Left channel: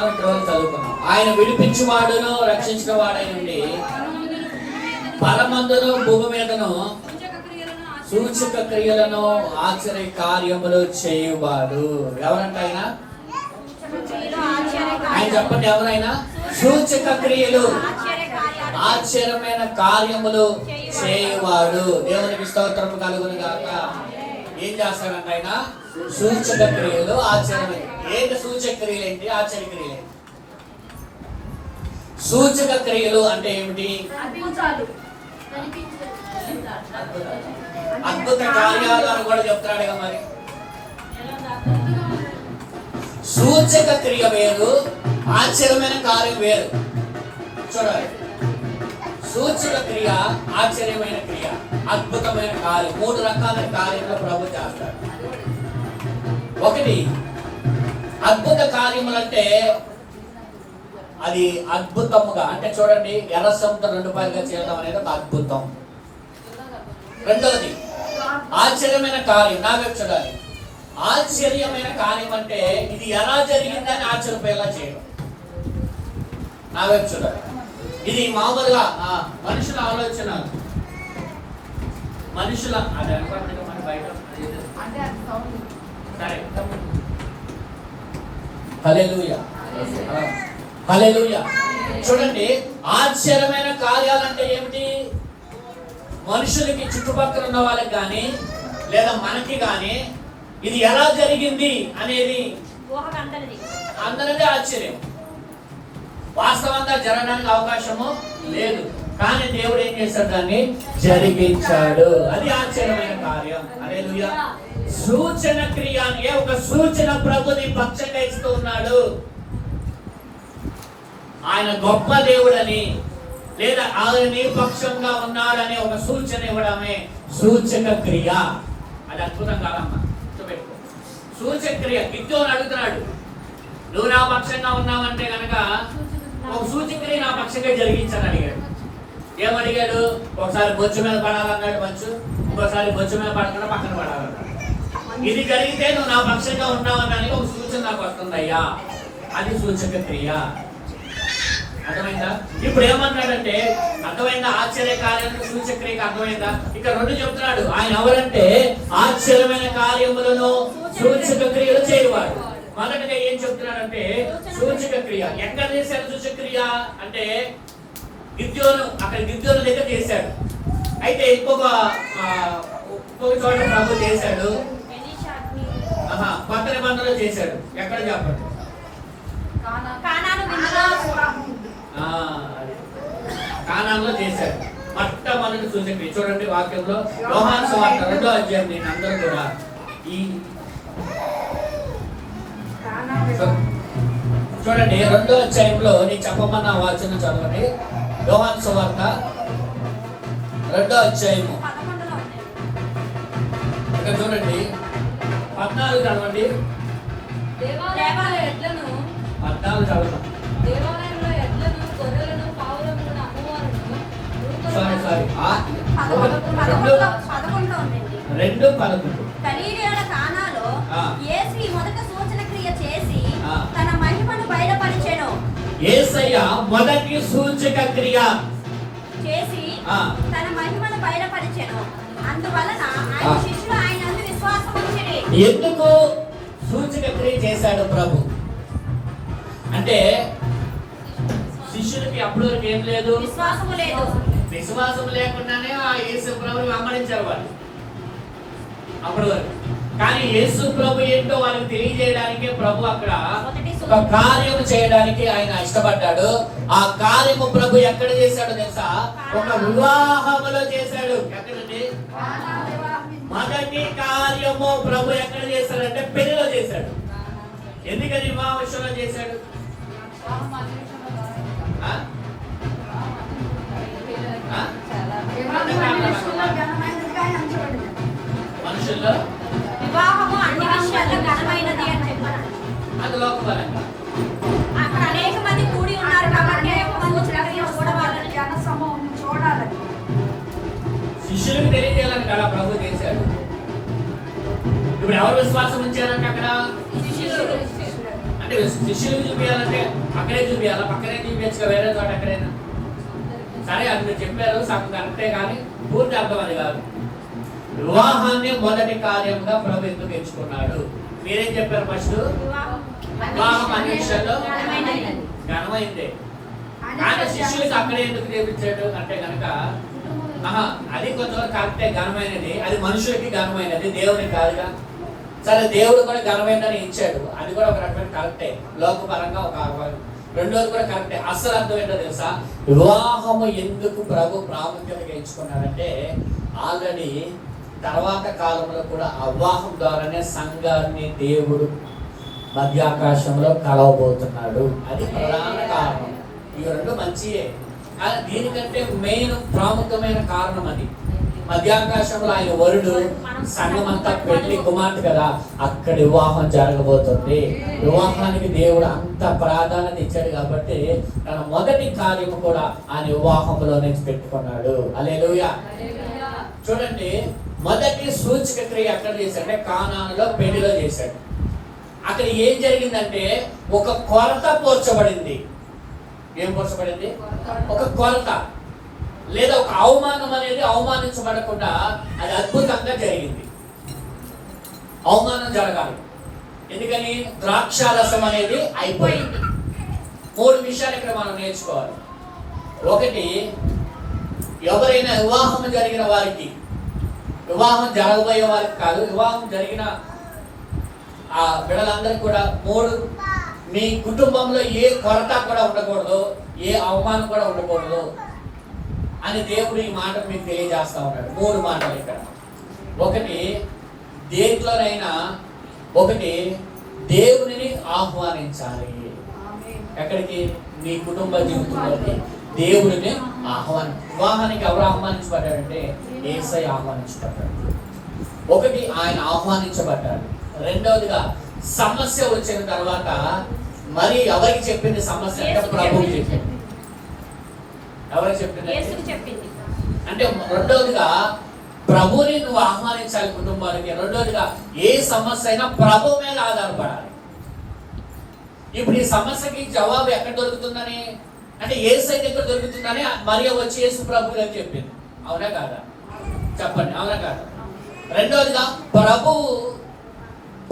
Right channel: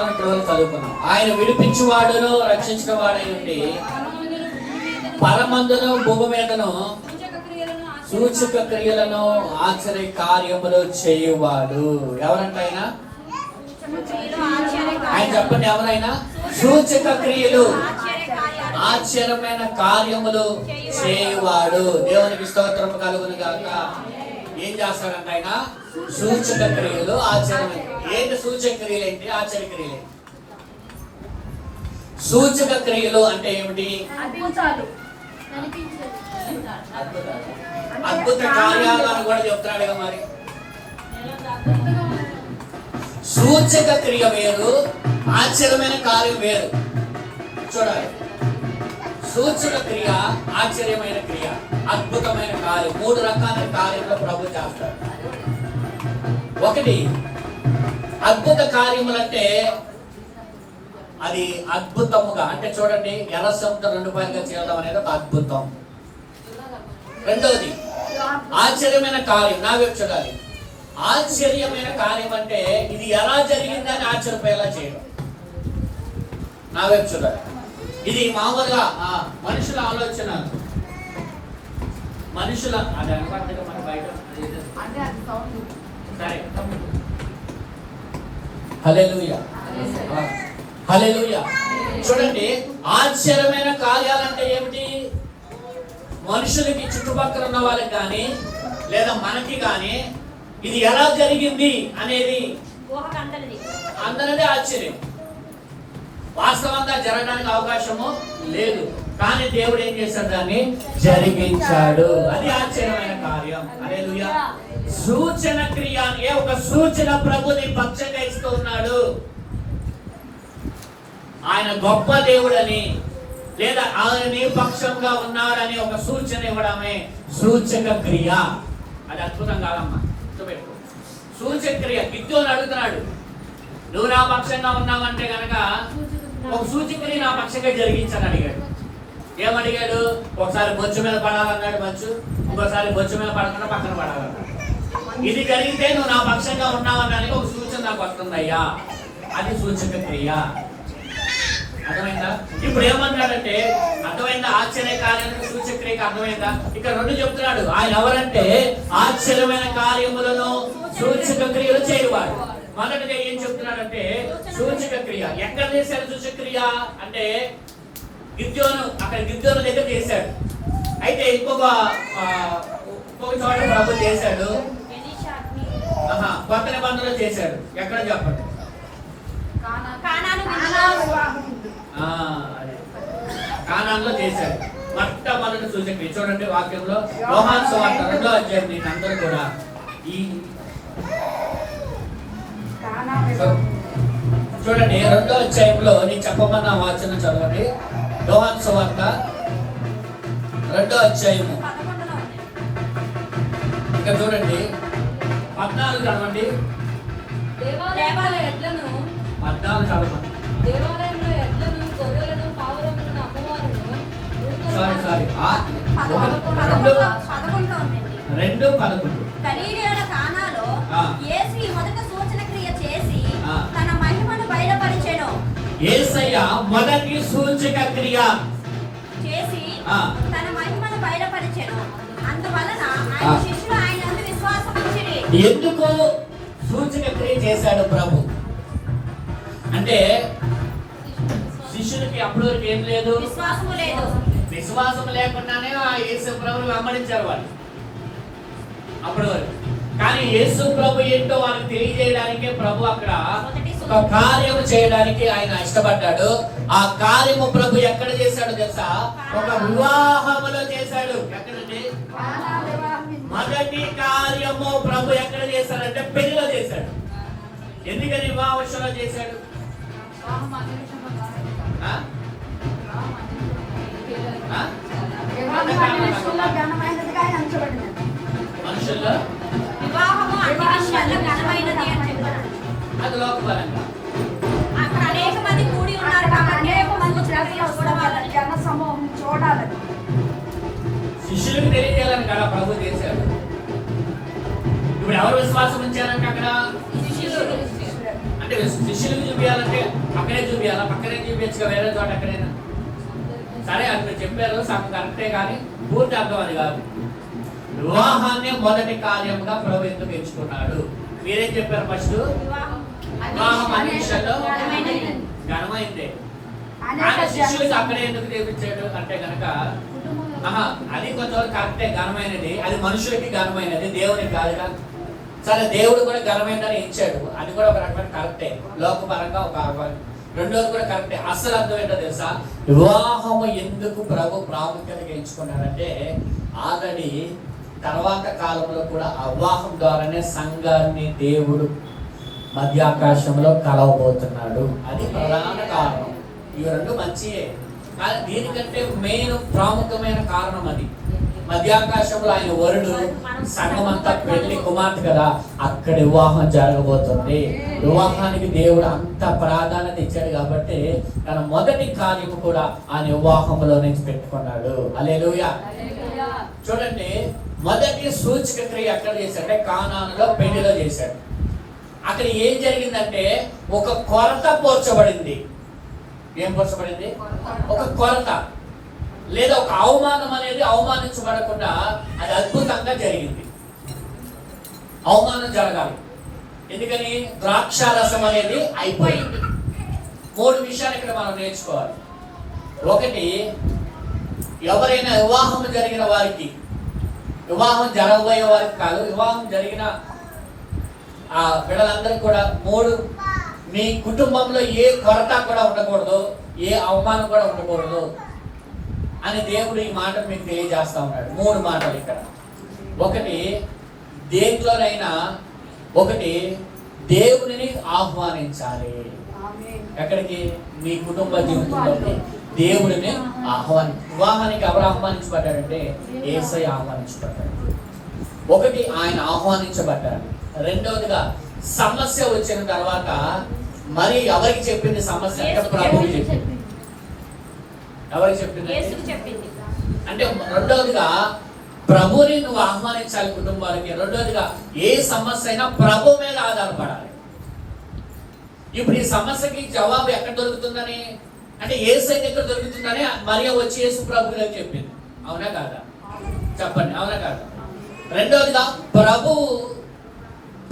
చదువుకున్నాం ఆయన విడిపించువాడును రక్షించిన వాడై ఉండి పరమందును భూమి మీదను సూచక క్రియలను ఆశ్చర్య కార్యములు చేయువాడు. ఎవరంటే ఆయన? ఆయన చెప్పండి ఎవరైనా? సూచక క్రియలు ఆశ్చర్యమైన కార్యములు చేయువాడు. దేవునికి స్తోత్రము కలుగును గాక. ఏం చేస్తాడంట ఆయన సూచక క్రియలు ఆశ్చర్యమైన ఏంటి? సూచక క్రియలు ఏంటి? ఆశ్చర్య క్రియలు? సూచక క్రియలు అంటే ఏమిటి అద్భుత కార్యాలు అని కూడా చెప్తున్నాడు కదా మరి. సూచక క్రియ వేరు ఆశ్చర్యమైన కార్యం వేరు. చూడాలి. సూచన క్రియ ఆశ్చర్యమైన క్రియ అద్భుతమైన కార్యం మూడు రకాల కార్యములు ప్రభు చేస్తాడు. ఒకటి అద్భుత కార్యములంటే అది అద్భుతముగా అంటే చూడండి ఎర్ర సముద్రం రెండు పైగా చేయడం అనేది ఒక అద్భుతం. రెండవది ఆశ్చర్యమైన కార్యం నావే చూడాలి. ఆశ్చర్యమైన కార్యం అంటే ఇది ఎలా జరిగిందని ఆశ్చర్యపోయేలా చేయడం. నావే చూడాలి. ఇది మామూలుగా మనుషుల ఆలోచన. మనుషుల అది అనుకోండి మన బయట సరే హల్లెలూయా. హల్లెలూయా. చూడండి ఆశ్చర్యమైన కార్యాలంటే ఏమిటి? మనుషులకి చుట్టుపక్కల ఉన్న వాళ్ళకి కానీ లేదా మనకి కానీ ఇది ఎలా జరిగింది అనేది అందరిదే ఆశ్చర్యం. వాస్తవంగా జరగడానికి అవకాశము లేదు. కానీ దేవుడు ఏం చేశాడు దాన్ని? జరిగించాడు. అది ఆశ్చర్యమైన కార్యం. అదే సూచన క్రియ ఒక సూచన ప్రభుని పక్షంగా ఇస్తూ ఉన్నాడు. ఆయన గొప్ప దేవుడని లేదా ఆయన నీ పక్షంగా ఉన్నాడని ఒక సూచన ఇవ్వడమే సూచక క్రియ. అది అద్భుతం కాదమ్మా. గుర్తుపెట్టుకో. సూచక క్రియ. గిద్దోని అడుగుతున్నాడు. నువ్వు నా పక్షంగా ఉన్నావంటే గనక ఒక సూచక నా పక్షంగా జరిగించని అడిగాడు. ఏమడిగాడు? ఒకసారి బొచ్చు మీద పడాలన్నాడు మంచు ఇంకోసారి బొచ్చు మీద పడకుండా పక్కన పడాలన్నాడు. ఇది జరిగితే నువ్వు నా పక్షంగా ఉన్నావన్నానికి ఒక సూచన నాకు వస్తుందయ్యా. అది సూచక క్రియ. అర్థమైందా? ఇప్పుడు ఏమన్నాడంటే అర్థమైందా? ఆశ్చర్య కార్యానికి సూచక్రియకి అర్థమైందా? ఇక్కడ రెండు చెప్తున్నాడు. ఆయన ఎవరంటే ఆశ్చర్యమైన కార్యములను సూచక క్రియలు చేయవాడు. మొదటిగా ఏం చెప్తున్నాడంటే సూచక క్రియ ఎక్కడ చేశాడు సూచక క్రియ అంటే గిద్యోను అక్కడ గిద్యోను దగ్గర చేశాడు. అయితే ఇంకొక ఇంకొక చోట ప్రభు చేశాడు. కొత్త నిబంధనలో చేశాడు. ఎక్కడ చెప్పండి. కానాంలో చేశాడు. మొట్టమొదటి సూచక్రియ చూడండి వాక్యంలో. యోహాన్ సువార్త రెండో అధ్యాయం నేను అందరూ కూడా ఈ చూడండి రెండో అధ్యాయంలో నేను చెప్పమన్న వాచన చదవండి. యోహాన్ సువార్త రెండో అధ్యాయము. ఇక్కడ చూడండి పద్నాలుగు చదవండి. పద్నాలుగు చదవండి. దేవాలయంలో ఎడ్లను గొర్రెలను పావురములను అమ్మవారును సారీ సారీ ఆ, రెండు పదకొండు గలీలియోల కానాలో ఆ. యేసు ఈ మొదట తన మహిమను బయలుపరిచెను. ఏసయ్య మొదటి సూచక క్రియ. చేసి. తన మహిమను బయలుపరిచెను. అందువలన ఆయన. శిష్యులు ఆయన విశ్వాసం ఉంచిరి ఎందుకు సూచక క్రియ చేశాడు ప్రభు? అంటే శిష్యులకి వరకు ఏం లేదు? విశ్వాసము లేదు. విశ్వాసం లేకుండానే ఆ యేసు ప్రభుని వెంబడించారు వాళ్ళు. అప్పటి వరకు కానీ యేసు ప్రభు ఏంటో వాళ్ళకి తెలియజేయడానికి ప్రభు అక్కడ ఒక కార్యము చేయడానికి ఆయన ఇష్టపడ్డాడు. ఆ కార్యము ప్రభు ఎక్కడ చేశాడు తెలుసా? ఒక వివాహములో చేశాడు. ఎక్కడండి? మొదటి కార్యము ప్రభు ఎక్కడ చేశాడంటే పెళ్ళిలో చేశాడు. ఎందుకని వివాహ విషయంలో చేశాడు? ఎవరు విశ్వాసం ఉంచారంటే అక్కడ? అంటే శిష్యులు చూపించాలంటే అక్కడే చూపించాలా పక్కనే చూపించగా వేరే చోట అక్కడైనా సరే అది మీరు చెప్పారు సగం కరెక్టే కానీ పూర్తి అర్థం అది కాదు. వివాహాన్ని మొదటి కార్యంగా ప్రభు ఎందుకు ఎంచుకున్నాడు? మీరేం చెప్పారు ఫస్ట్? వివాహం ఘనమైందే. ఆయన శిష్యులకు అక్కడే ఎందుకు చేపించాడు? అంటే కనుక ఆహా అది కొంతవరకు కరెక్టే ఘనమైనది. అది మనుషులకి ఘనమైనది దేవునికి కాదుగా. సరే దేవుడు కూడా ఘనమైందని ఇచ్చాడు. అది కూడా ఒక రకమైన కరెక్టే లోకపరంగా ఒక రెండోది కూడా కరెక్టే అసలు అర్థం ఏంటో తెలుసా? వివాహము ఎందుకు ప్రభు ప్రాముఖ్యతగా ఎంచుకున్నారంటే ఆల్రెడీ తర్వాత కాలంలో కూడా అవాహం వివాహం ద్వారానే సంఘాన్ని దేవుడు మధ్యాకాశంలో కలవబోతున్నాడు. అది ప్రధాన కారణం. ఈ రెండు మంచియే. కానీ దీనికంటే మెయిన్ ప్రాముఖ్యమైన కారణం అది. మధ్యాకాశంలో ఆయన వరుడు సంఘం అంతా పెళ్ళి కుమార్తె కదా అక్కడ వివాహం జరగబోతుంది. వివాహానికి దేవుడు అంత ప్రాధాన్యత ఇచ్చాడు కాబట్టి తన మొదటి కార్యము కూడా ఆయన వివాహంలో నుంచి పెట్టుకున్నాడు. అలేలుయా చూడండి మొదటి సూచక క్రియ ఎక్కడ చేశాడంటే కానానులో పెళ్ళిలో చేశాడు. అక్కడ ఏం జరిగిందంటే ఒక కొరత పోర్చబడింది. ఏం పోర్చబడింది? ఒక కొరత. లేదా ఒక అవమానం అనేది అవమానించబడకుండా అది అద్భుతంగా జరిగింది. అవమానం జరగాలి. ఎందుకని? ద్రాక్షారసం అనేది అయిపోయింది. మూడు విషయాలు ఇక్కడ మనం నేర్చుకోవాలి. ఒకటి ఎవరైనా వివాహం జరిగిన వారికి వివాహం జరగబోయే వారికి కాదు వివాహం జరిగిన ఆ బిడ్డలందరికీ కూడా మూడు మీ కుటుంబంలో ఏ కొరత కూడా ఉండకూడదు ఏ అవమానం కూడా ఉండకూడదు. అని దేవుడు ఈ మాట మీకు తెలియజేస్తా ఉన్నాడు. మూడు మాటలు ఇక్కడ. ఒకటి దేంట్లోనైనా ఒకటి దేవునిని ఆహ్వానించాలి. ఎక్కడికి? మీ కుటుంబ జీవితంలోకి దేవుడిని ఆహ్వాని వివాహానికి ఎవరు ఆహ్వానించబడ్డాడంటే ఏసై ఆహ్వానించబడ్డాడు. ఒకటి ఆయన ఆహ్వానించబడ్డాడు. రెండవదిగా సమస్య వచ్చిన తర్వాత మరి ఎవరికి చెప్పింది సమస్య ప్రభువుకి చెప్పింది. చెప్పింది? ఎవరికి అంటే రెండవదిగా ప్రభుని నువ్వు ఆహ్వానించాలి కుటుంబానికి. రెండవదిగా ఏ సమస్య అయినా ప్రభు మీద ఆధారపడాలి. ఇప్పుడు ఈ సమస్యకి జవాబు ఎక్కడ దొరుకుతుందని? అంటే ఏ సైడ్ ఎక్కడ దొరుకుతుందని మరియ వచ్చి యేసు ప్రభు గారు చెప్పింది. అవునా కాదా? చెప్పండి అవునా కాదా? రెండవదిగా ప్రభు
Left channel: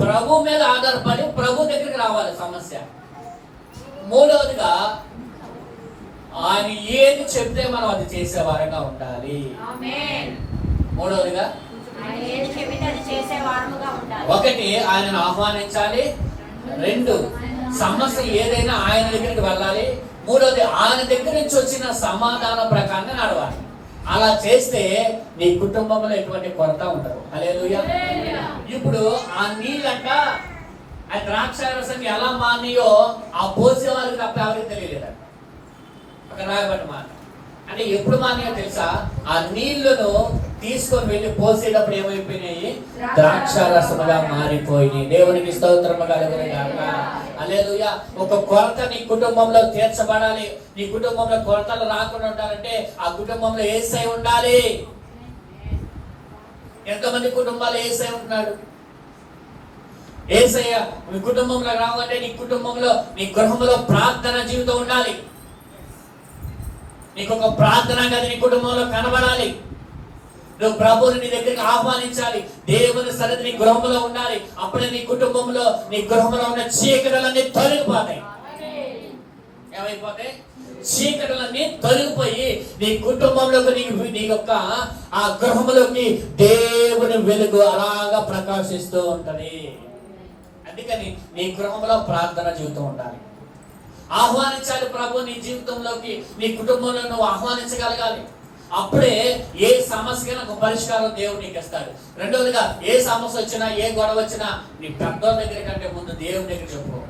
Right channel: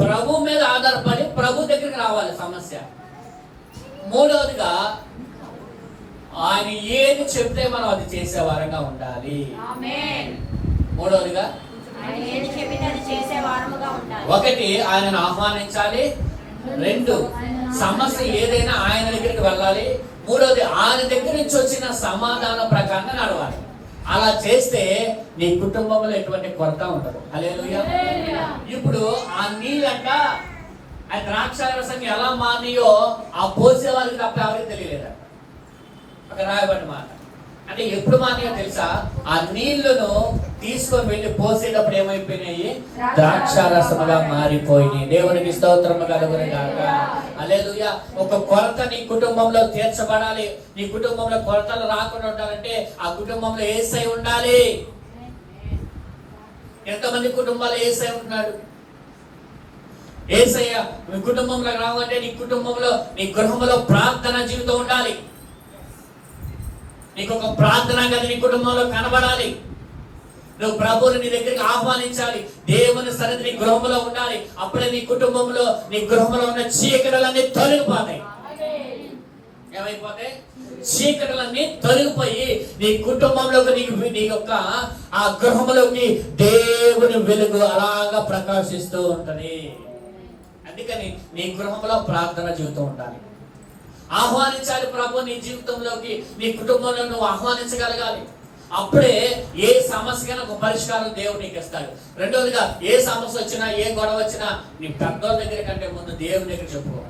ప్రభు మీద ఆధారపడి ప్రభు దగ్గరికి రావాలి సమస్య. మూడవదిగా ఆయన ఏది చెప్తే మనం అది చేసే వారంగా ఉండాలి. మూడవదిగా? ఒకటి ఆయనను ఆహ్వానించాలి. రెండు సమస్య ఏదైనా ఆయన దగ్గరికి వెళ్ళాలి. మూడవది ఆయన దగ్గర నుంచి వచ్చిన సమాధానం ప్రకారంగా నడవాలి. అలా చేస్తే నీ కుటుంబంలో ఎటువంటి కొరత ఉండదు. అలేలుయ ఇప్పుడు ఆ నీళ్ళంట ఆ ద్రాక్ష రసం ఎలా మానియో ఆ పోసే వాళ్ళకి తప్ప ఎవరికి తెలియలేదంట. అక్కడ రాయబడిన మాట. అంటే ఎప్పుడు మానే తెలుసా? ఆ నీళ్ళను తీసుకొని వెళ్ళి పోసేటప్పుడు ఏమైపోయినాయి? ద్రాక్ష రసముగా మారిపోయినాయి. దేవునికి స్తోత్రము కలుగును కాక అలేలుయ ఒక కొరత నీ కుటుంబంలో తీర్చబడాలి. నీ కుటుంబంలో కొరతలు రాకుండా ఉండాలంటే ఆ కుటుంబంలో ఏసై ఉండాలి. ఎంతమంది కుటుంబాలు ఏసై ఉంటున్నాడు ఏసయ్య మీ కుటుంబంలో రావాలంటే నీ కుటుంబంలో నీ గృహంలో ప్రార్థన జీవితం ఉండాలి. నీకు ఒక ప్రార్థన గది నీ కుటుంబంలో కనబడాలి. నువ్వు ప్రభువుని నీ దగ్గరికి ఆహ్వానించాలి. దేవుని సరిది నీ గృహంలో ఉండాలి. అప్పుడే నీ కుటుంబంలో నీ గృహంలో ఉన్న చీకటలన్నీ తొలగిపోతాయి. ఏమైపోతాయి? చీకటలన్నీ తొలగిపోయి నీ కుటుంబంలోకి నీ నీ యొక్క ఆ గృహంలోకి దేవుని వెలుగు అలాగా ప్రకాశిస్తూ ఉంటది. అందుకని నీ గృహంలో ప్రార్థన జీవితం ఉండాలి. ఆహ్వానించాలి ప్రభు నీ జీవితంలోకి నీ కుటుంబంలో నువ్వు ఆహ్వానించగలగాలి. అప్పుడే ఏ సమస్యకైనా ఒక పరిష్కారం దేవుడు నీకు ఇస్తాడు. రెండవదిగా ఏ సమస్య వచ్చినా ఏ గొడవ వచ్చినా నీ పెద్దోళ్ళ దగ్గర కంటే ముందు దేవుని దగ్గర చెప్పుకో.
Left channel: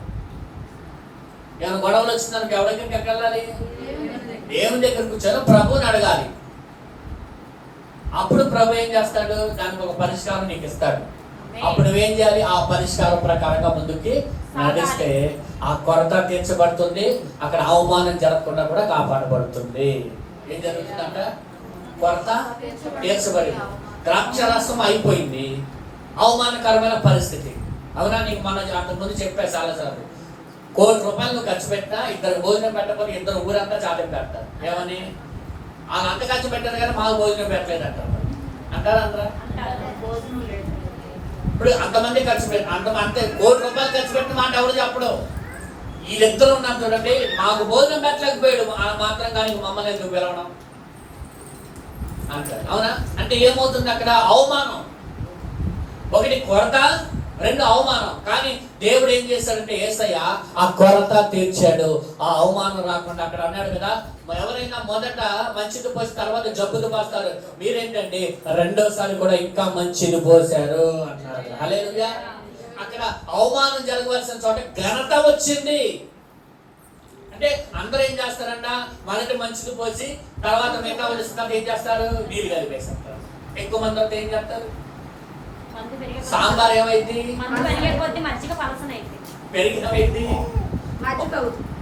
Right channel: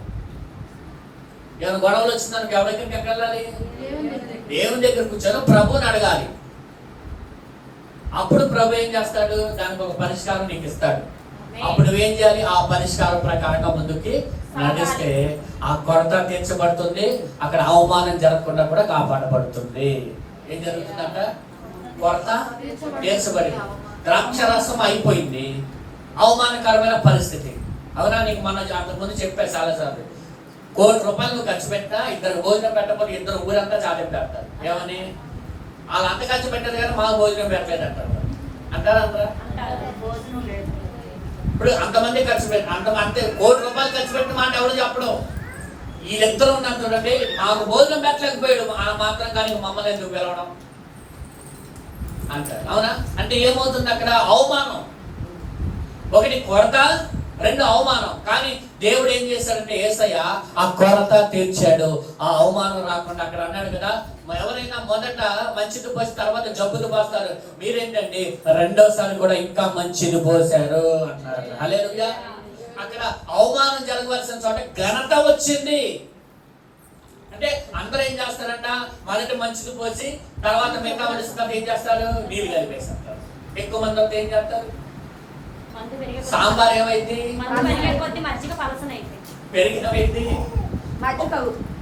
ఏమైనా గొడవలు వచ్చిందానికి ఎవరి దగ్గరికి వెళ్ళాలి దేవుని దగ్గర కూర్చొని ప్రభుని అడగాలి. అప్పుడు ప్రభు ఏం చేస్తాడు? దానికి ఒక పరిష్కారం నీకు ఇస్తాడు. అప్పుడు నువ్వేం చేయాలి? ఆ పరిష్కారం ప్రకారంగా ముందుకి నడిస్తే ఆ కొరత తీర్చబడుతుంది. అక్కడ అవమానం జరగకుండా కూడా కాపాడబడుతుంది. ఏం జరుగుతుందంట? కొరత తీర్చబడింది. ద్రాక్షరసం అయిపోయింది. అవమానకరమైన పరిస్థితి. అవునా? నీకు మన అంతకుముందు చెప్పా చాలాసార్లు. కోటి రూపాయలు నువ్వు ఖర్చు పెట్టినా ఇద్దరు భోజనం పెట్టకపోతే ఇద్దరు ఊరంతా చాటి పెడతారు. ఏమని? వాళ్ళు అంత ఖర్చు పెట్టారు కానీ మాకు భోజనం పెట్టలేదు అంటారు అంటారా. అందరా ఇప్పుడు అంతమంది ఖర్చు పెట్టి అంత అంతే కోటి రూపాయలు ఖర్చు పెట్టిన మాట ఎవరు చెప్పడం. ఈ వీళ్ళిద్దరు ఉన్నారు చూడండి మాకు భోజనం పెట్టలేకపోయాడు. ఆ మాత్రం కానీ మమ్మల్ని ఎందుకు పిలవడం? అంటారు. అవునా? అంటే ఏమవుతుంది అక్కడ? అవమానం. ఒకటి కొరత రెండు అవమానం. కానీ దేవుడు ఏం చేశాడంటే ఏసయ్య ఆ కొరత తీర్చాడు. ఆ అవమానం రాకుండా అక్కడ అన్నాడు కదా ఎవరైనా మొదట మంచిది పోసి తర్వాత జబ్బుది పోస్తారు. మీరేంటండి? రెండోసారి కూడా ఇంకా మంచిది పోసారు అంటున్నారు. హల్లెలూయా. అక్కడ అవమానం జరగవలసిన చోట ఘనత వచ్చింది. అంటే అందరూ ఏం చేస్తారంట? మొదట మంచిది పోసి తర్వాత మిగతా వలసిన ఏం చేస్తారు? నీళ్ళు కలిపేస్తారు ఎక్కువ మంది వస్తే ఏం చేస్తారు? సాంబార్ ఏమైంది? మందు పెరిగే కొద్దీ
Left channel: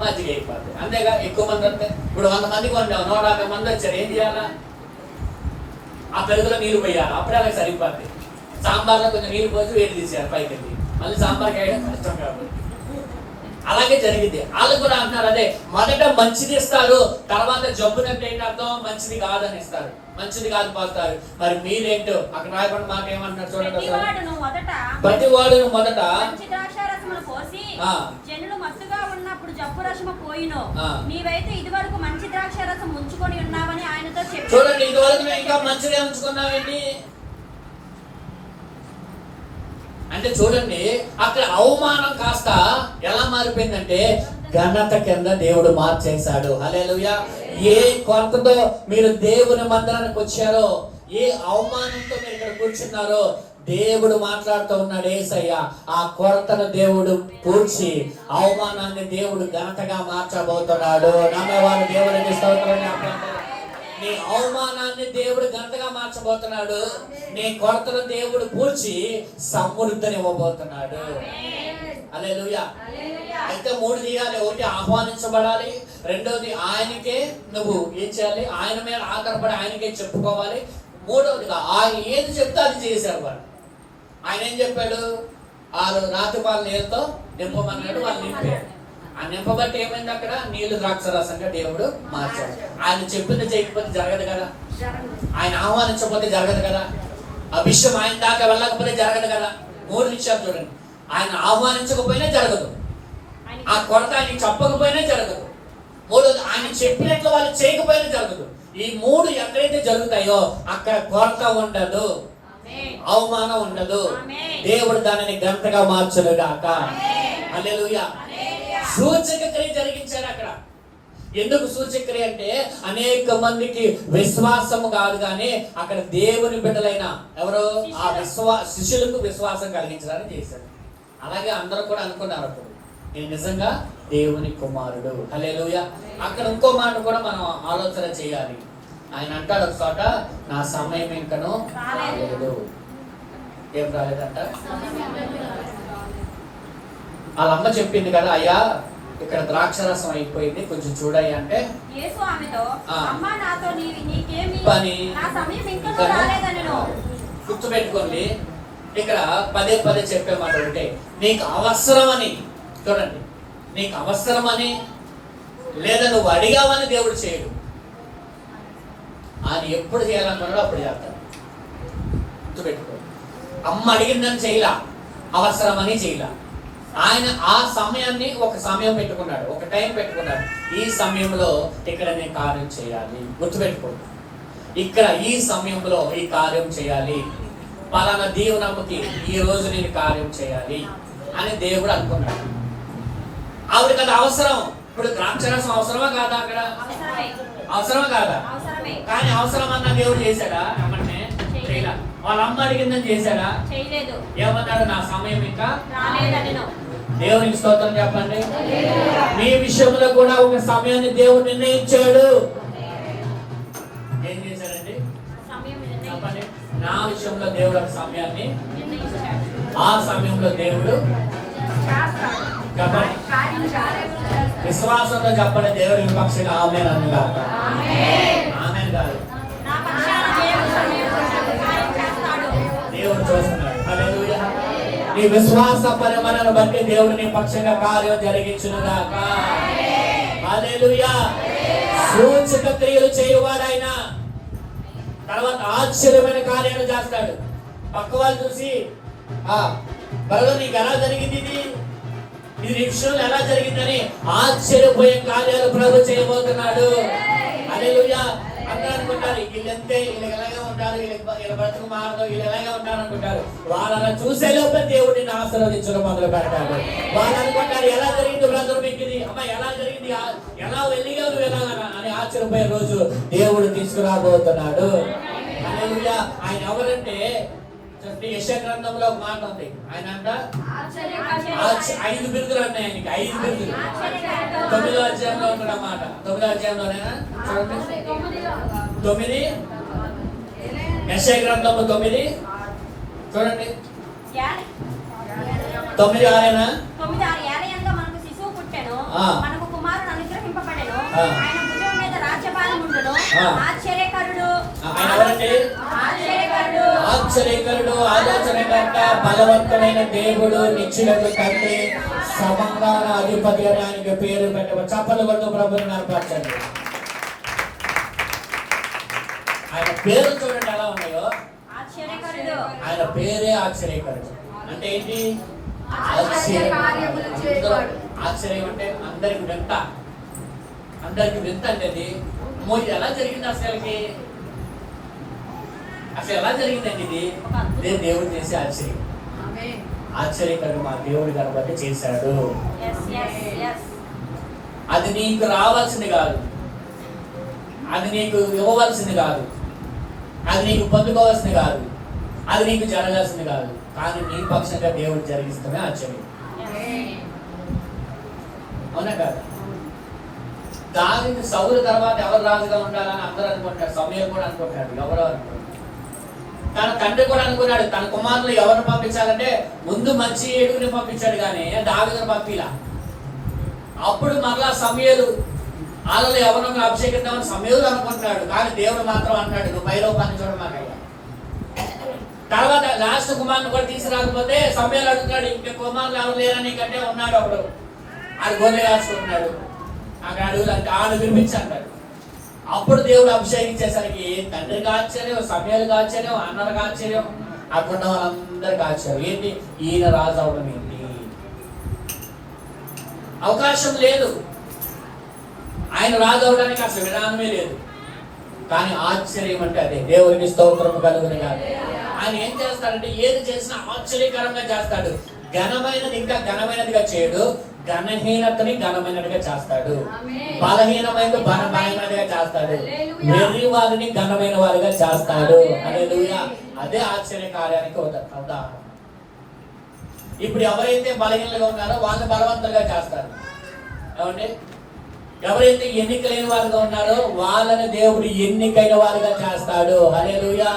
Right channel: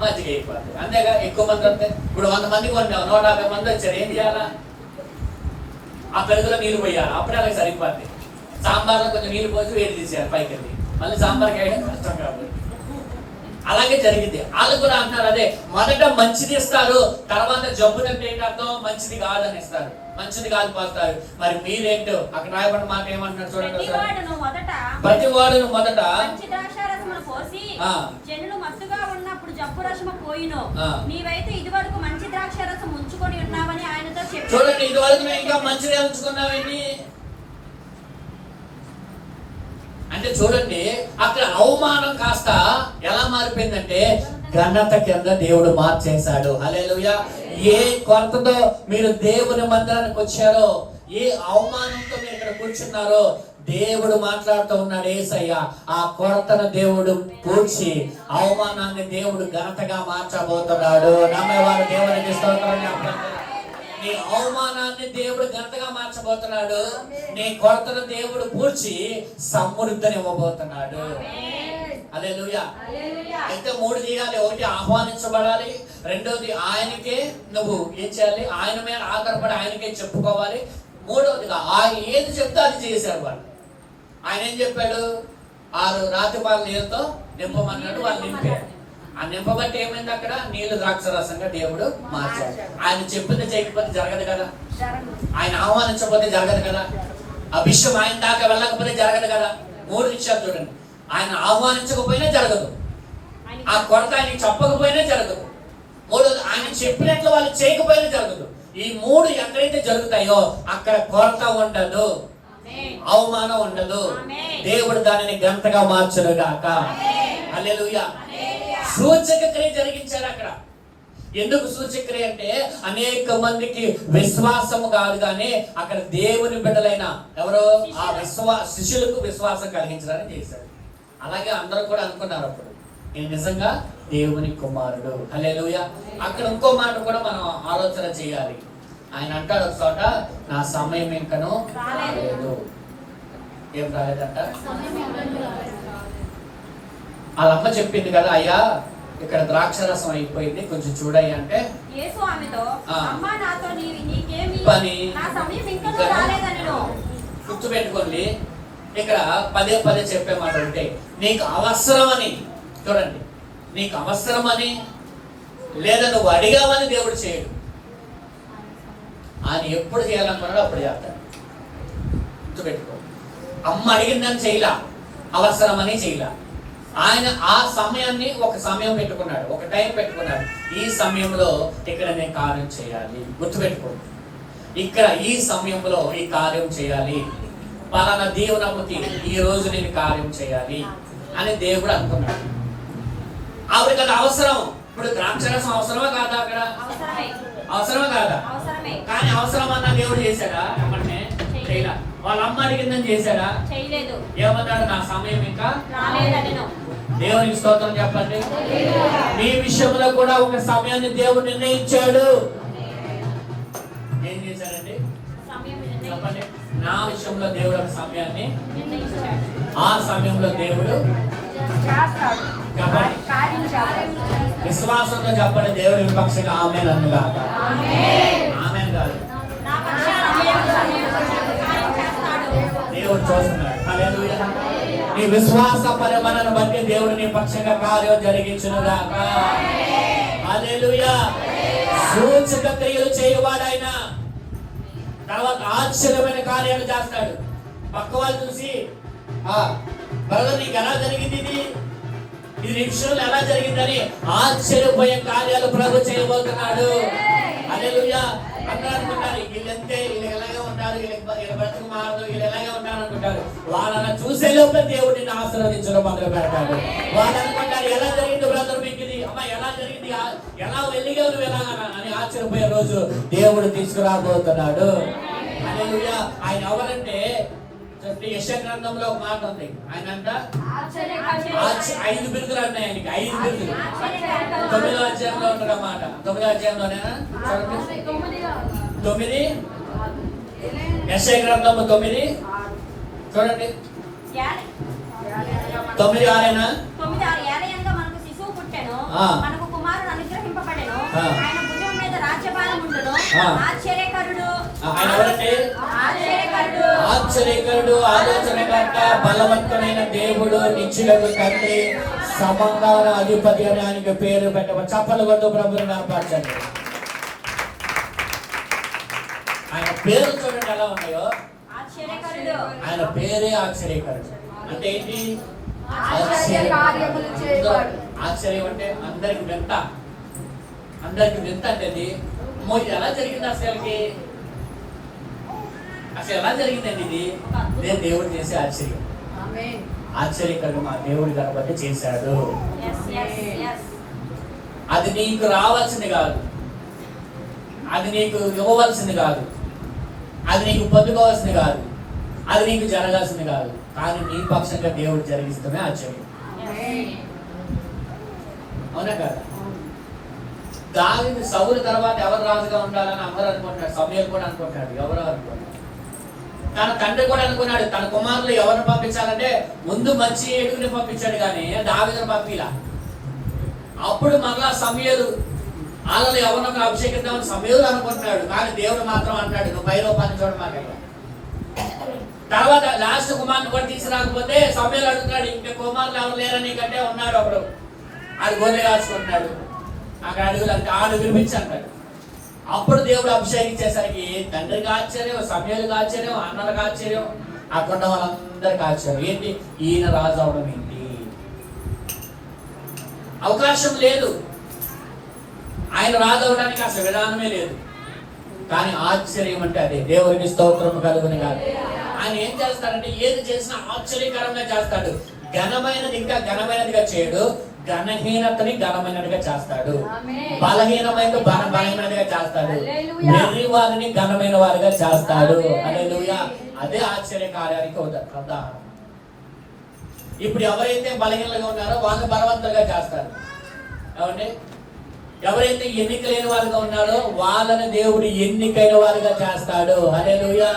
మజ్జిగ అయిపోతుంది అంతేగా ఎక్కువ మంది వస్తే ఇప్పుడు వంద మందికి వండాం నూట యాభై మంది వచ్చారు ఏం చేయాలా? ఆ పెరుగులో నీళ్ళు పోయాలి? అప్పుడే అలాగే సరిపోద్ది. సాంబార్లో కొంచెం నీళ్ళు పోసి వేడి తీసేయాలి పైకి మళ్ళీ సాంబార్కి వేయడం కష్టం కాబట్టి. అలాగే జరిగింది. వాళ్ళు కూడా అంటున్నారు అదే మొదట మంచిది ఇస్తారు తర్వాత జబ్బునంటే ఏంటి అర్థం? మంచిది కాదని ఇస్తారు. మంచిది కాదు పోస్తారు మరి మీరేంటో అక్కడ రాయబడిన మాట చూడండి ప్రతి. వాడును మొదట పోసి ఆ. జనులు మత్తుగా ఉన్నప్పుడు జబ్బు రసము పోయిను. నీవైతే ఇదివరకు మంచి ద్రాక్షారసం ఉంచుకొని ఉన్నావని ఆయనతో చెప్పి చూడండి ఇదివరకు మేము ఇంకా మంచిగా ఉంచుకున్నామండి అంటే చూడండి అక్కడ అవమానం కాస్త ఎలా మారిపోయిందంటే ఘనత కింద దేవుడు మార్చేశాడు. హల్లెలూయా. ఏ కొరతతో మీరు దేవుని మందిరానికి వచ్చారో ఏ అవమానంతో మీరు ఇక్కడ కూర్చున్నారో దేవుడు మాట్లాడుతూ ఉన్నాడు ఏసయ్య. ఆ కొరతను దేవుడు కూర్చి అవమానాన్ని దేవుడు ఘనతగా మార్చబోతున్నాడు. నమ్మవారు దేవునికి స్తోత్రం నీ అవమానాన్ని దేవుడు ఘనతగా మార్చబోతున్నాడు. నీ కొరతను దేవుడు పూడ్చి సమృద్ధిని ఇవ్వబోతున్నాడు అదే అయితే మూడు చేయాలి ఒకటి ఆహ్వానించబడాలి. రెండోది ఆయనకే నువ్వు ఏం చేయాలి? ఆయన మీద ఆధారపడి ఆయనకే చెప్పుకోవాలి. మూడవదిగా ఆయన ఏది చెప్తే అది చేశారు వాళ్ళు. ఆయన ఏం చెప్పాడు? ఆరు రాతిపాల నీళ్ళతో నింపమన్నాడు వాళ్ళు నింపాడు ఆ నింపబట్టి ఏమైంది అక్కడ? నీళ్ళు ద్రాక్షరసంగా దేవుడు మార్చాడు. ఆయన చెప్పింది చేయకపోతే జరగదు కదా. ఆయన ఆహ్వానించకపోతే జరగదు కదా? ఆ విషయం ఆయన దాకా వెళ్ళకపోతే జరగదు కదా? మూడు విషయాలు చూడండి. ఆయన ఆహ్వానించకపోయినా జరగదు. ఆ కొరత ఆయన చెప్పకపోయినా జరగదు. మూడోది ఆయన చెప్పినట్లు వాళ్ళు చేయకపోయినా జరగదు. ఈ మూడు ఎక్కడైతే జరుగుతాయో అక్కడ కొరత ఉండదు. అవమానం ఉండదు. దేవుడు దానిని గంటగా మార్చును గాక హల్లెలూయా. సూచక క్రియ జరిగించాడు అక్కడ. ఎందుకు సూచక క్రియ అంటే అనేక మందికి విశ్వాసము కాదు కానీ అక్కడ దేవుని బిడ్డలైన ఎవరో? ఆ విశ్వా శిష్యులకు విశ్వాసం కలిగించడానికి చేశాడు అలాగే అందరూ కూడా అనుకున్నారు అప్పుడు. నేను నిజంగా దేవుని కుమారుడు. హల్లెలూయా. అక్కడ ఇంకో మాట కూడా మనం ఆలోచన చేయాలి. ఆయన అంటాడు ఒక చోట నా సమయం ఇంకను రాలేదు. ఏం రాలేదంట? వాళ్ళ అమ్మ చెప్పింది కదా అయ్యా ఇక్కడ ద్రాక్షరసం అయిపోయింది. కొంచెం చూడయ్యా అంటే పని. గుర్తుపెట్టుకోండి. ఇక్కడ పదే పదే చెప్పే మాట ఉంటే నీకు అవసరమని చూడండి. నీకు అవసరమని లేదా నువ్వు అడిగావని దేవుడు చేయడు. ఆయన ఎప్పుడు చేయాలనుకున్నాడో అప్పుడు చేస్తాడు. గుర్తుపెట్టుకో. అమ్మ అడిగిందని చేయలా. అవసరమని చేయలా. ఆయన ఆ సమయాన్ని ఒక సమయం పెట్టుకున్నాడు. ఒక టైం పెట్టుకున్నాడు. ఈ సమయంలో ఇక్కడ నేను కార్యం చేయాలి. గుర్తుపెట్టుకో. ఇక్కడ ఈ సమయంలో ఈ కార్యం చేయాలి. పలానా దీవనమ్మకి ఈ రోజు నేను కార్యం చేయాలి అని దేవుడు అనుకున్నాడు. ఆవిడకి అది అవసరం. ఇప్పుడు ద్రాక్షరసం అవసరమా కాదా అక్కడ? అవసరమే. కాదా? కానీ అవసరం అన్న దేవుడు చేశాడా? చేయలా. వాళ్ళ అమ్మ అడిగిందని చేశాడా? చేయలేదు. ఏమన్నాడు? నా సమయం ఇంకా దేవునికి స్తోత్రం చెప్పండి. మీ విషయంలో కూడా ఒక సమయాన్ని దేవుడు నిర్ణయించాడు. నా విషయంలో దేవుడు ఒక సమయాన్ని ఆ సమయంలో దేవుడు చేస్తాడు. చెప్పండి. విశ్వాసంతో చెప్పండి దేవుడి పక్షంగా ఆమె నన్ను ఆమె కాదు. దేవుడు చూస్తున్నాడు. నీ విశ్వాస పరిమళను బట్టి దేవుడు నీ పక్షంగా కార్యం జరిగించునుగాక. హల్లెలూయా. సూచక క్రియలు చేయవాడైన తర్వాత ఆశ్చర్యమైన కార్యాలు చేస్తాడు. పక్క వాళ్ళు చూసి ఆ బ్రదర్ నీకు ఎలా జరిగింది ఇది? ఇది నీ విషయంలో ఎలా జరిగిందని ఆశ్చర్యపోయే కార్యాలు ప్రభు చేయబోతున్నాడు. అదే అందరూ అనుకుంటారు వీళ్ళంతే వీళ్ళు ఎలాగే ఉంటారు వీళ్ళ బ్రతుకు మారదు వీళ్ళు ఎలాగే ఉంటారు అనుకుంటారు. వాళ్ళని చూసే లోపే దేవుడిని ఆశీర్వదించడం మొదలు పెడతాడు. వాళ్ళు అనుకుంటారు ఎలా జరిగింది బ్రదర్ మీకు ఇది? అమ్మ ఎలా జరిగింది? ఎలా వెళ్ళిగా నువ్వు ఎలా? అని ఆశ్చర్యపోయే రోజు దేవుడు తీసుకురాబోతున్నాడు. ఆయన ఎవరంటే? యశ గ్రంథంలో ఒక మాట ఉంది. ఆయన అంట ఐదు బిరుదులు అన్నాయి ఆయనకి ఐదు బిరుదులు. తొమ్మిదో అధ్యాయంలో ఉన్నాడు అన్నమాట తొమ్మిదో అధ్యాయంలోనేనా తొమ్మిది. యశ గ్రంథము తొమ్మిది. చూడండి. తొమ్మిది ఆరేనా? తొమ్మిది ఆరు ఏలయంలో మనకు శిశువు పుట్టెను. మనకు కుమారుడు అనుగ్రహింపబడెను. ఆయన ఉండును. ఆశ్చర్యకరుడు. ఆశ్చర్యకరుడు. ఆశ్చర్యకరుడు ఆలోచనకర్త బలవంతుడైన దేవుడు నిత్యులకు తండ్రి సమాధాన అధిపతి అని పేరు పెట్టవ చప్పలు కొట్టు ప్రభుని కనపరచండి ఆయన పేరు చూడండి ఎలా ఉన్నాయో. ఆయన పేరే ఆశ్చర్యకరుడు. అంటే ఏంటి. ఆశ్చర్యం అంటే అందరికి వింత. అందరికి వింత అంటే ఇది ఎలా జరిగింది అసలుకి? అసలు ఎలా జరిగిందండి ఇది? ఇదే దేవుడు చేసే ఆశ్చర్యం. ఆమేన్. ఆశ్చర్యకరుడు మా దేవుడు గణపతి చేశాడు. అది నీకు రావాల్సింది కాదు. అది నీకు ఇవ్వవలసింది కాదు. అది నీకు పొందుకోవాల్సింది కాదు. అది నీకు జరగాల్సింది కాదు. కానీ నీ పక్షంగా దేవుడు జరిగిస్తూనే ఆశ్చర్యం. అవునా కదా? దాని సౌలు తర్వాత ఎవరు రాజుగా ఉండాలని అందరూ అనుకుంటారు సమయం కూడా అనుకుంటాడు ఎవరో అనుకుంటాడు తన తండ్రి కూడా అనుకున్నాడు. తన కుమారులు ఎవరిని పంపించాలంటే ముందు మంచి ఏడుగుని పంపించాడు కానీ దావిని పంపిలా. అప్పుడు మరలా సమయలు వాళ్ళలో ఎవరినో అభిషేకిద్దామని సమయలు అనుకుంటున్నాడు. కానీ దేవుడు మాత్రం అంటాడు నువ్వు పై రూపాన్ని చూడమాక తర్వాత లాస్ట్ కుమారుని కూడా తీసుకురాకపోతే సమయాలు అడుగుతాడు ఇంకా కుమారులు ఎవరు లేరని కంటే ఉన్నాడు అప్పుడు. అది గోనె రాసుకుంటున్నాడు అక్కడ అడుగులు అంటే ఆడు అంటాడు. అప్పుడు దేవుడు అభిషేకించేసరికి తండ్రికి ఆశ్చర్యం సమయాలకు ఆశ్చర్యం అన్నలకు ఆశ్చర్యం అక్కడ ఉన్న వాళ్ళందరికీ ఆశ్చర్యం ఏంటి? ఈయన రాజు అవడం ఏంటి? అవకాశం లేదు. ఆయన రాజు అవడానికి అసలు విధానమే లేదు. కానీ ఆశ్చర్యం అంటే అదే. దేవుడిని స్తోత్రం కలుగుని కాదు. ఆయన ఏం చేస్తాడంటే ఏది చేసినా ఆశ్చర్యకరంగా చేస్తాడు. ఘనమైనది ఇంకా ఘనమైనదిగా చేయడు. ఘనహీనతని ఘనమైనదిగా చేస్తాడు. బలహీనమైన బల బలమైనదిగా చేస్తాడు. వెర్రి వారిని ఘనమైన వారిగా చేస్తాడు. హల్లెలూయా. అదే ఆశ్చర్య కార్యానికి ఉద- ఉదాహరణ ఇప్పుడు ఎవరైతే బలహీనలుగా ఉన్నారో వాళ్ళు బలవంతంగా చేస్తారు. ఏమండి? ఎవరైతే ఎన్నిక లేని వారుగా ఉన్నారో వాళ్ళని దేవుడు ఎన్నికైన వారుగా చేస్తాడు. హల్లెలూయా.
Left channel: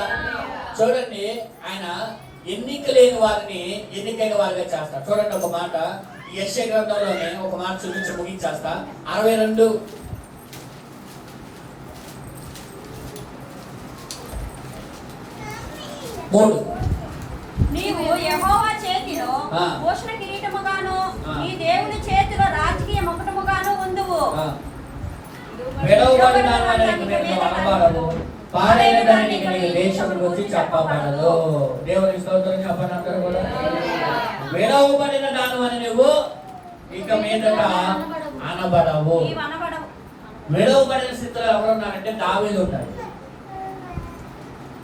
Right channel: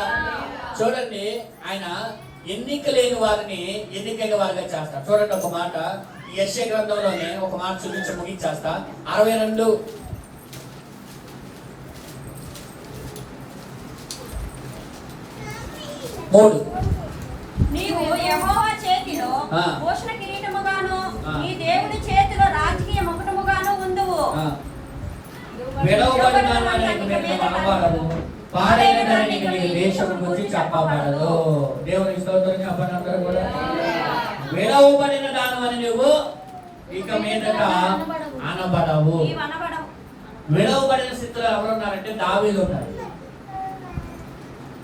చూడండి ఆయన ఎన్నిక లేని వారిని ఎన్నికైన వారుగా చేస్తాడు. చూడండి ఒక మాట. యశ గ్రంథంలోనే ఒక మాట చూపించి ముగించేస్తా. అరవై రెండు. మూడు. నీవు యెహోవా చేతిలో. భూషణ కిరీటముగాను. నీ దేవుని చేతిలో రాజకీయ ముకుటముగాను ఉందువు. ఆ. విడవబడిన వారికి మీరు అనబడదు పాడైన దానికి దేశం గురించి చెప్పబడదు దేవునికి స్తోత్రం చెప్పండి అందరూ కూడా. విడవబడిన దాని అని నువ్వు ఇక మీదట అనబడవు. విడవబడిన స్థితిలో ఎవరు ఉన్నారంటే దావీదు ఉన్నాడు.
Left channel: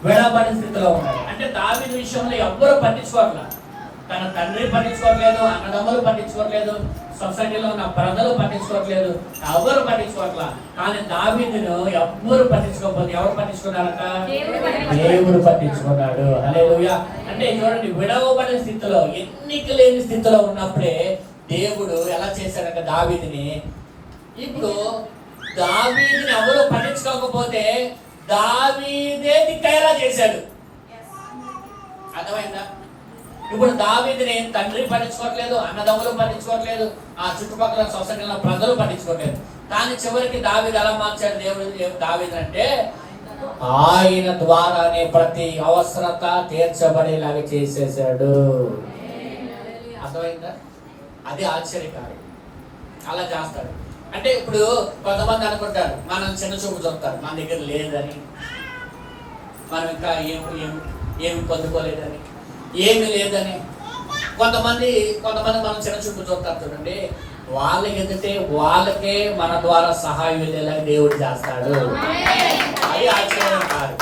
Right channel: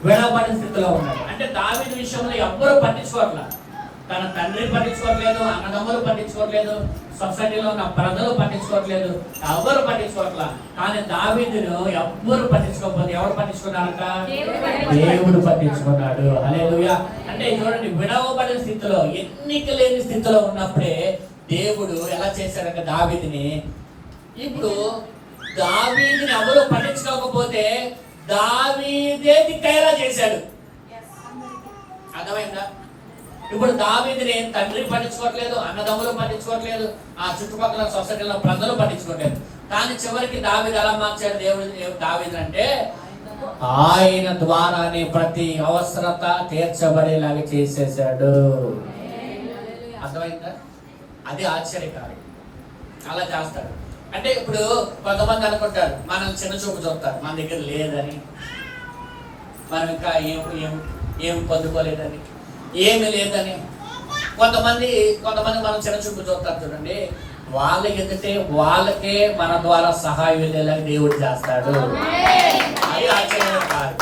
విడవబడిన స్థితిలో ఉన్నాడు. అంటే దావీదు విషయంలో ఎవ్వరు పట్టించుకోవట్లా. తన తండ్రి పట్టించుకోవట్లేదు అన్నదమ్ములు పట్టించుకోవట్లేదు సొసైటీలో ఉన్న ప్రజలు పట్టించుకోవట్లేదు ఎవరు పట్టించుకోవట్లా? కానీ దావీదును ఎవ్వరు పట్టించుకోకపోతే ఎవరు పట్టించుకున్నారట దేవుడు పట్టించుకున్నాడు. అంటే చూడండి విడవబడిన స్థితిలో ఎన్నిక లేని స్థితిలో ఉన్నప్పుడే దేవుడు ఎలా చేశాడంటే దావీదిని? ఇప్పుడు దావీదిని ఎవరు పట్టించుకోకపోతే దావీదే దిక్కయ్యేలా చేశాడు. అర్థమైందా? ఇప్పుడు దావీదిని తండ్రి పట్టించుకోవట్లేదు అన్నదమ్ములు పట్టించుకోవట్లేదు ఆ చుట్టుపక్కల సొసైటీలో ప్రజలు పట్టించుకోవట్లేదు. కానీ చివరికి దావీది ఎలా మార్చాడు దేవుడు? దావీది అంటే ఆయన ద్వారానే ప్రతి అవసరత తీర్చబడేలాగా చేసేసాడు అర్థమైందా? అది ఆశ్చర్యకారం. అలా చేస్తాడు. అంటే ఇప్పుడు కొంతమంది అనుకుంటారు మనం చిన్న చూపు చూస్తారు మన దగ్గర లేదని. మనం ఇంకా ఏం ఏం ఏం పొందుకోలేదని. ఏమి లేదని. కొంతమంది కొంతమంది మనం చిన్న చూపు చూస్తారు చూడండి. వాళ్ళకి ఎదుటే వాళ్ళకే మన ద్వారా సహాయం వెళ్ళేలాగా దేవుడు చేస్తాడు. అది ఆశ్చర్యం కాదు.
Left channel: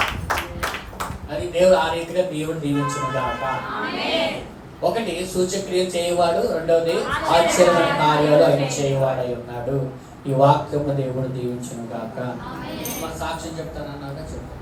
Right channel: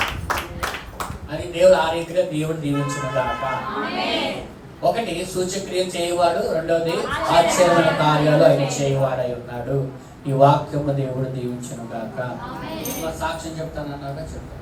అది దేవుడు ఆ రీతిగా దేవుడు దీవించిన కాక ఒకటి సూచక్రియలు చేయవాడు. రెండవది ఆశ్చర్యమైన కార్యాలు ఆయన చేయవాడై ఉన్నాడు. ఈ వాక్యము దేవుడు దీవించను కాక సాక్ష్యం చెప్తానన్నాక చెప్తాను.